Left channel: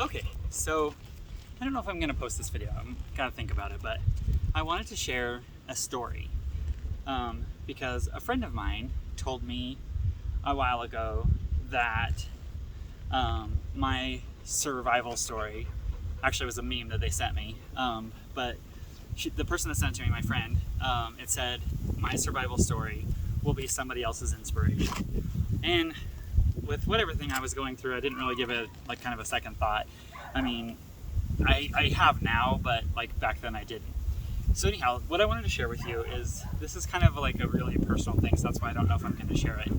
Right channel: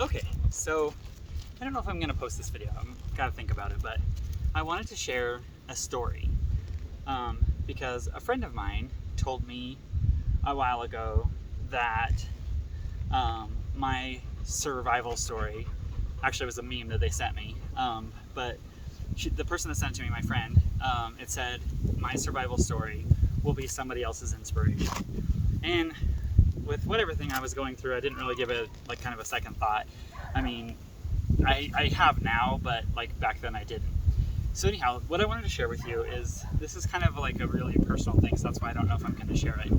Okay, so I don't know if I'm gonna post this video. I'm gotta think about it, but I wanted to share a story because a friend of mine told me a while ago that my survival story actually was a meme that they sent me, but the person that sent it to me, my friend, it said my survival story will be somebody else's inspiration. And with everything I was going through, I didn't really give it like kind of a second thought. I mean, I have now, but like back then I didn't. So anyhow, what I wanted to share with you is this is kind of like a really personal thing, so that's why I don't know if I'm going to share it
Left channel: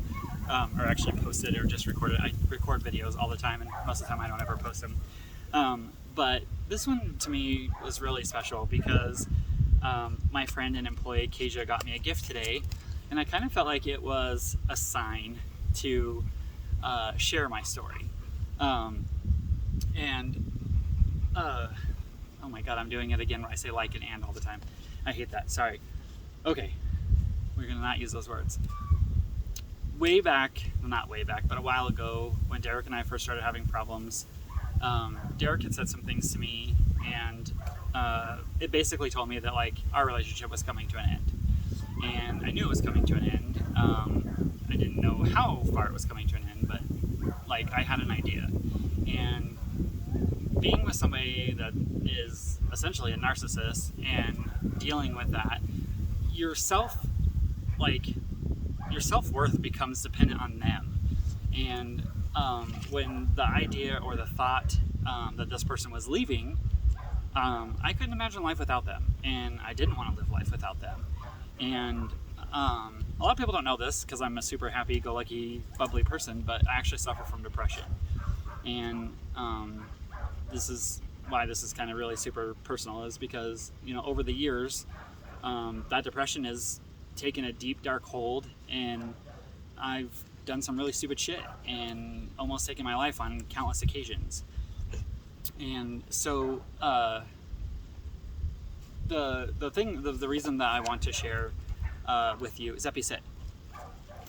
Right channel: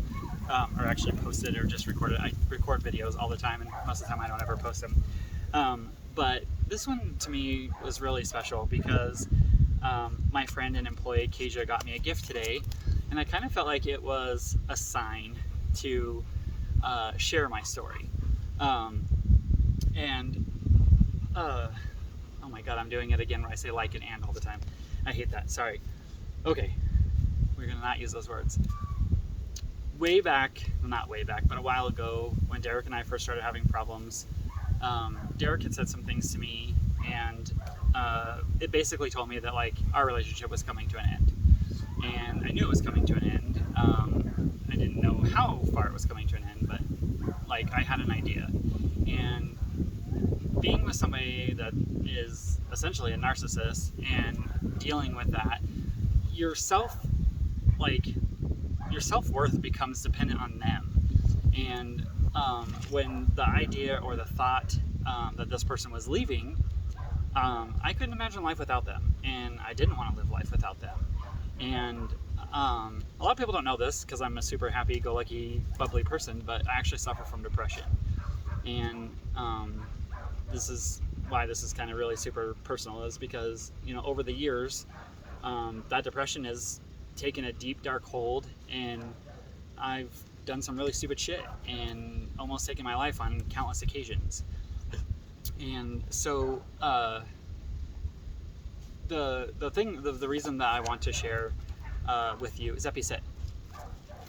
or actually post it or just record it. I record videos all the time, and most of the time I don't ever post them. But this one to me was really special because my friend and employee Kasia got me a gift today, and I kind of felt like it was a sign to share my story. Oh my god, I'm doing it again where I say like and all the time. I hate that. Sorry. Okay, we're gonna not use those words. Way back, well, not way back, but a while ago, when Derek and I first started having problems, Derek had said some things to me, and it basically told me that like our relationship was coming to an end, and I knew it was coming to an end. I didn't know how far it was coming to an end, but like I had an idea. And being with somebody that is essentially a narcissist and dealing with that, your self-worth becomes dependent on them. And when the idea or the thought that this person was leaving, I couldn't imagine life without them, and I didn't want to live life without them. And a lot of people don't know this because I'm a super happy-go-lucky, bubbly person, but I actually suffer from depression. And this is why this is kind of really super personal, is because, you know, over the years, that depression has taken a deep, dark hold, and I've done some really stupid shit and almost taken my life on countless occasions. And so the reason that I want to share with you is that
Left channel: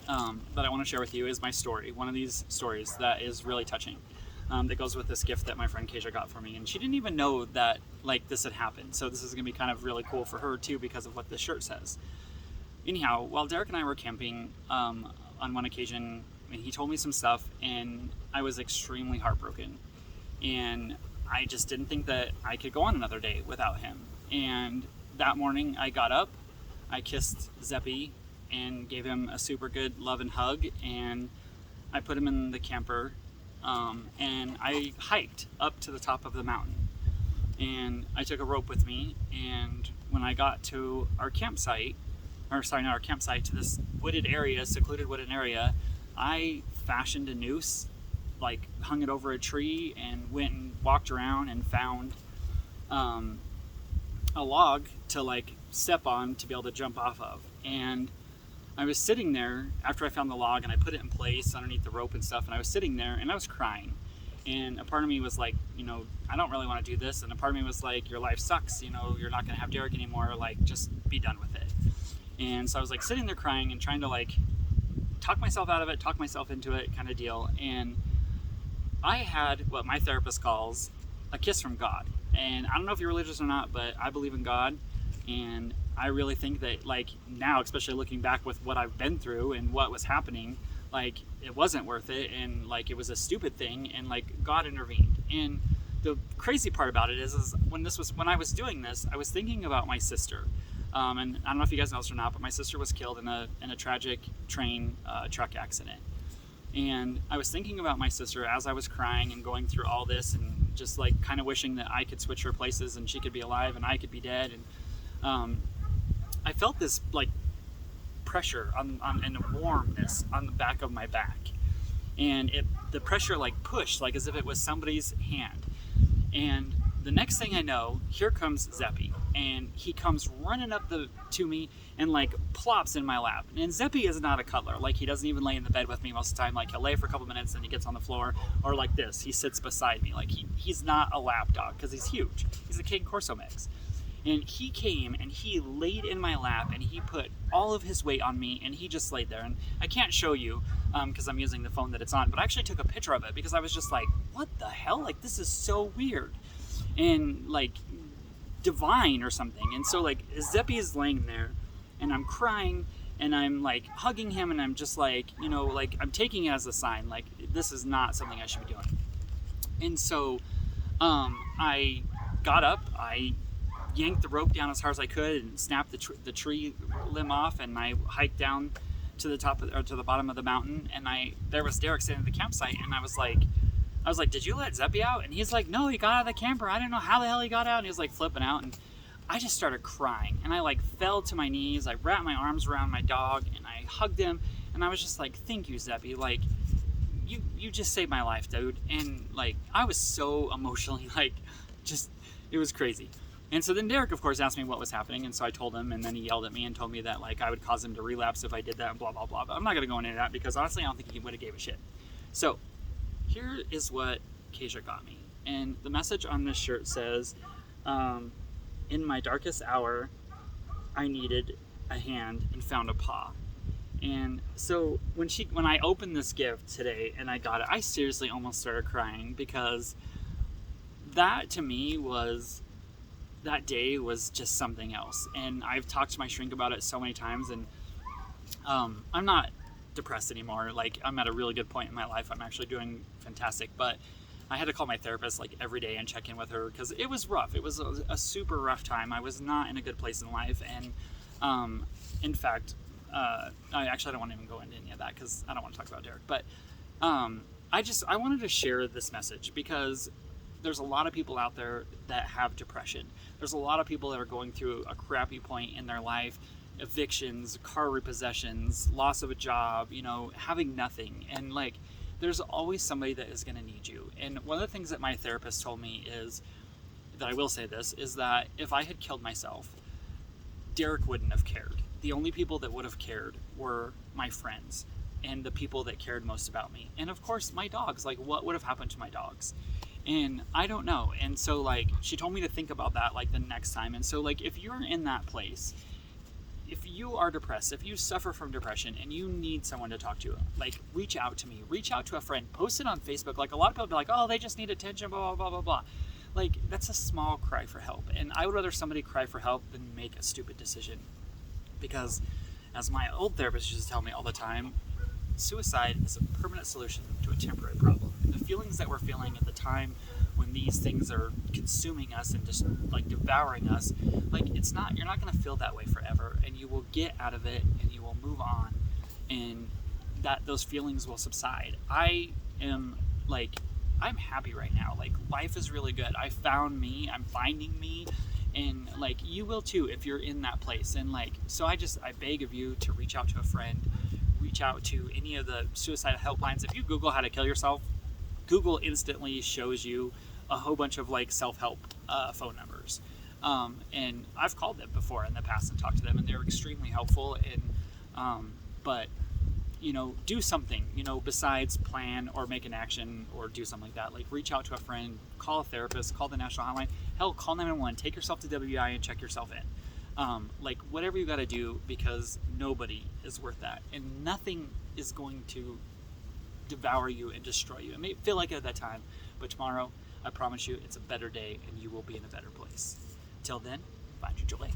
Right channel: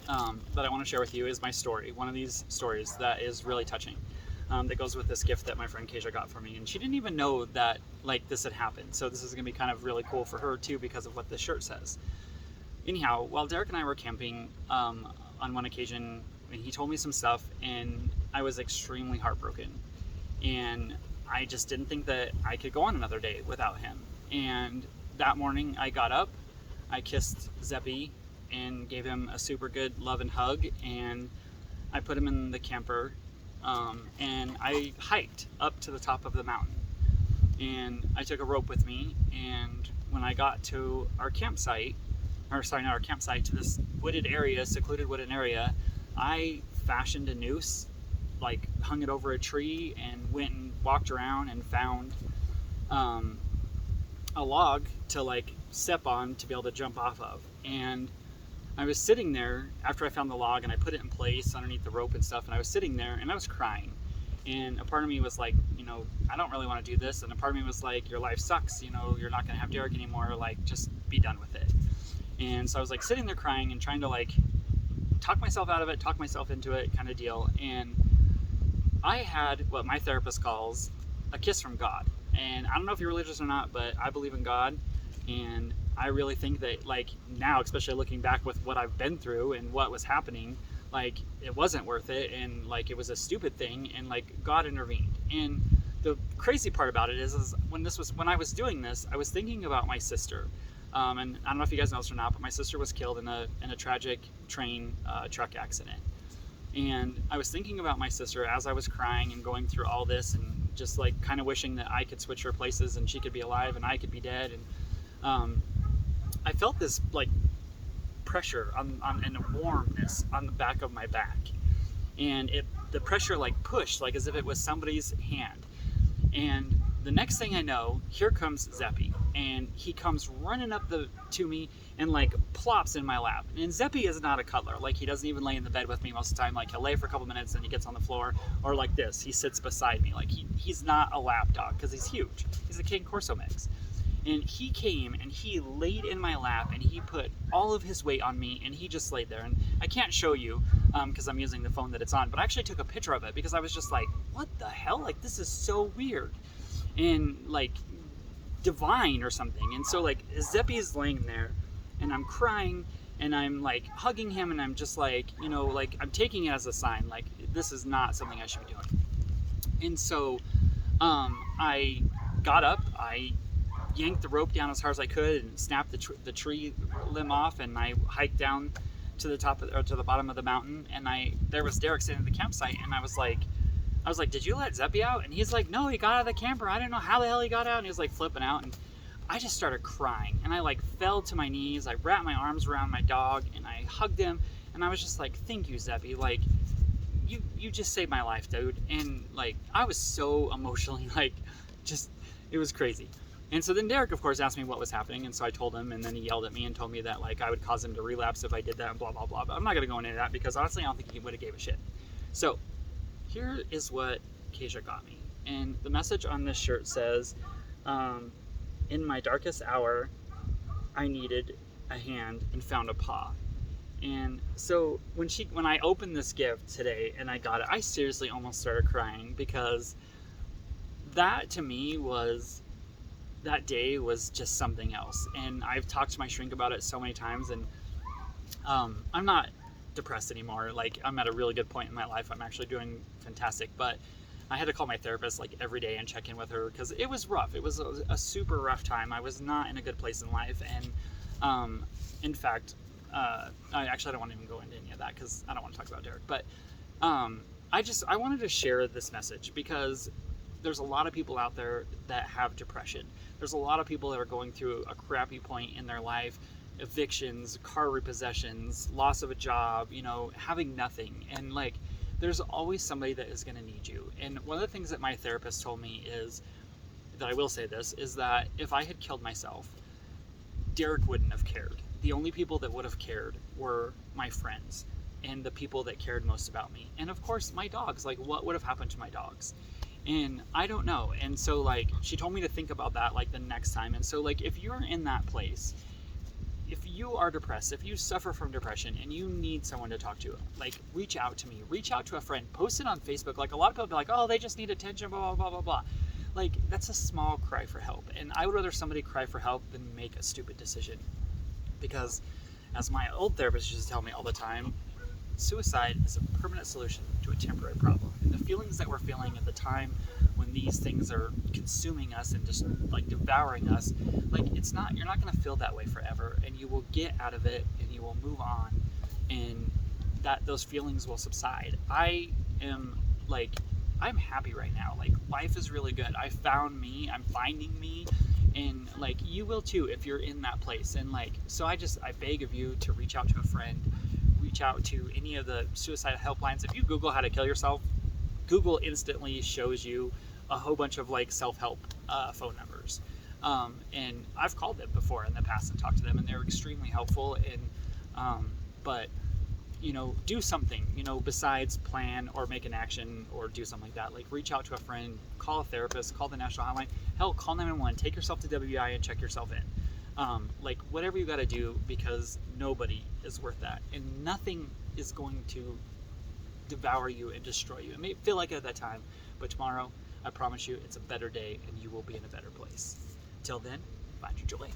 I want to share with you is my story, one of these stories that is really touching. That goes with this gift that my friend Kasia got for me, and she didn't even know that like this had happened. So this is going to be kind of really cool for her too because of what this shirt says. Anyhow, while Derek and I were camping on one occasion, and he told me some stuff, and I was extremely heartbroken, and I just didn't think that I could go on another day without him. And that morning I got up, I kissed Zeppy and gave him a super good love and hug, and I put him in the camper. And I hiked up to the top of the mountain, and I took a rope with me, and when I got to our campsite, to this wooded area, secluded wooden area, I fashioned a noose, like hung it over a tree, and went and walked around and found a log to like step on to be able to jump off of. And I was sitting there after I found the log, and I put it in place underneath the rope and stuff, and I was sitting there and I was crying, and a part of me was like, you know, I don't really want to do this, and a part of me was like, your life sucks, you know, you're not going to have Derek anymore, like just be done with it. And so I was like sitting there crying and trying to like talk myself out of it, talk myself into it kind of deal. And I had what my therapist calls a kiss from God. And I don't know if you're religious or not, but I believe in God. And I really think that like now, especially looking back with what I've been through and what was happening, like it wasn't worth it, and like it was a stupid thing, and like God intervened. And the crazy part about it is when I was doing this, I was thinking about my sister. And I don't know if you guys know this or not, but my sister was killed in a tragic train truck accident. And I was thinking about my sister as I was crying and going through all this, and just like kind of wishing that I could switch her places and she could be alive and I could be dead. And I felt this like pressure and a warmness on the back of my back, and the pressure like pushed like as if it was somebody's hand. And the next thing I know, here comes Zeppy, and he comes running up to me and like plops in my lap. And Zeppy is not a cuddler. Like he doesn't even lay in the bed with me most of the time. Like he'll lay for a couple minutes and he gets on the floor, or like this, he sits beside me. Like he's not a lap dog because he's huge. He's a King Corso mix. And he came and he laid in my lap and he put all of his weight on me and he just laid there. And I can't show you because I'm using the phone that it's on, but I actually took a picture of it because I was just like, what the hell? Like, this is so weird and like divine or something. And so like Zeppy is laying there and I'm crying and I'm like hugging him and I'm just like, you know, like I'm taking it as a sign, like this is not something I should be doing. And so I got up, I yanked the rope down as hard as I could and snapped the tree limb off, and I hiked down to the top or to the bottom of the mountain. And there was Derek sitting at the campsite, and I was like, did you let Zeppy out? And he's like, no, he got out of the camper. I didn't know how the hell he got out. And he was like flipping out, and I just started crying, and I like fell to my knees. I wrapped my arms around my dog, and I hugged him, and I was just like, thank you, Zeppy. Like, you just saved my life, dude. And like, I was so emotionally like, just, it was crazy. And so then Derek, of course, asked me what was happening, and so I told him, and then he yelled at me and told me that like I would cause him to relapse if I did that, and blah blah blah. But I'm not gonna go into that because honestly, I don't think he would have gave a shit. So here is what Keisha got me, and the message on this shirt says, "In my darkest hour, I needed a hand and found a paw." And so when I opened this gift today and I got it, I seriously almost started crying because that to me was. That day was just something else. And I've talked to my shrink about it so many times, and I'm not depressed anymore. Like, I'm at a really good point in my life. I'm actually doing fantastic, but I had to call my therapist like every day and check in with her because it was rough. It was a super rough time. I was not in a good place in life, and in fact, I don't want to even go into any of that because I don't want to talk about Derek. But I wanted to share this message because there's a lot of people out there that have depression. There's a lot of people that are going through a crappy point in their life, evictions, car repossessions, loss of a job, you know, having nothing. And like, there's always somebody that is going to need you. And one of the things that my therapist told me is, that I will say this, is that if I had killed myself, Derek wouldn't have cared. The only people that would have cared were my friends and the people that cared most about me. And of course, my dogs. Like, what would have happened to my dogs? And I don't know. And so like, she told me to think about that like the next time. And so like, if you're in that place, if you are depressed, if you suffer from depression and you need someone to talk to, like, reach out to me, reach out to a friend, post it on Facebook. Like, a lot of people be like, oh, they just need attention, blah, blah, blah, blah, blah. Like, that's a small cry for help. And I would rather somebody cry for help than make a stupid decision. Because as my old therapist used to tell me all the time, suicide is a permanent solution to a temporary problem. And the feelings that we're feeling at the time when these things are consuming us and just like devouring us, like, you're not going to feel that way forever, and you will get out of it and you will move on, and those feelings will subside. I'm happy right now. Like, life is really good. I found me, I'm finding me, and like, you will too if you're in that place. And like, so I beg of you to reach out to a friend, reach out to any of the suicide helplines. If you Google how to kill yourself, Google instantly shows you a whole bunch of like self-help phone numbers. And I've called them before in the past and talked to them, and they're extremely helpful. And but you know, do something, you know, besides plan or make an action or do something like that. Like, reach out to a friend, call a therapist, call the national hotline. Hell, call 911. Take yourself to WI and check yourself in. Like, whatever you got to do, because nobody is worth that, and nothing is going to devour you and destroy you. It may feel like it at that time, but tomorrow, I promise you, it's a better day, and you will be in a better place. Till then, find your joy.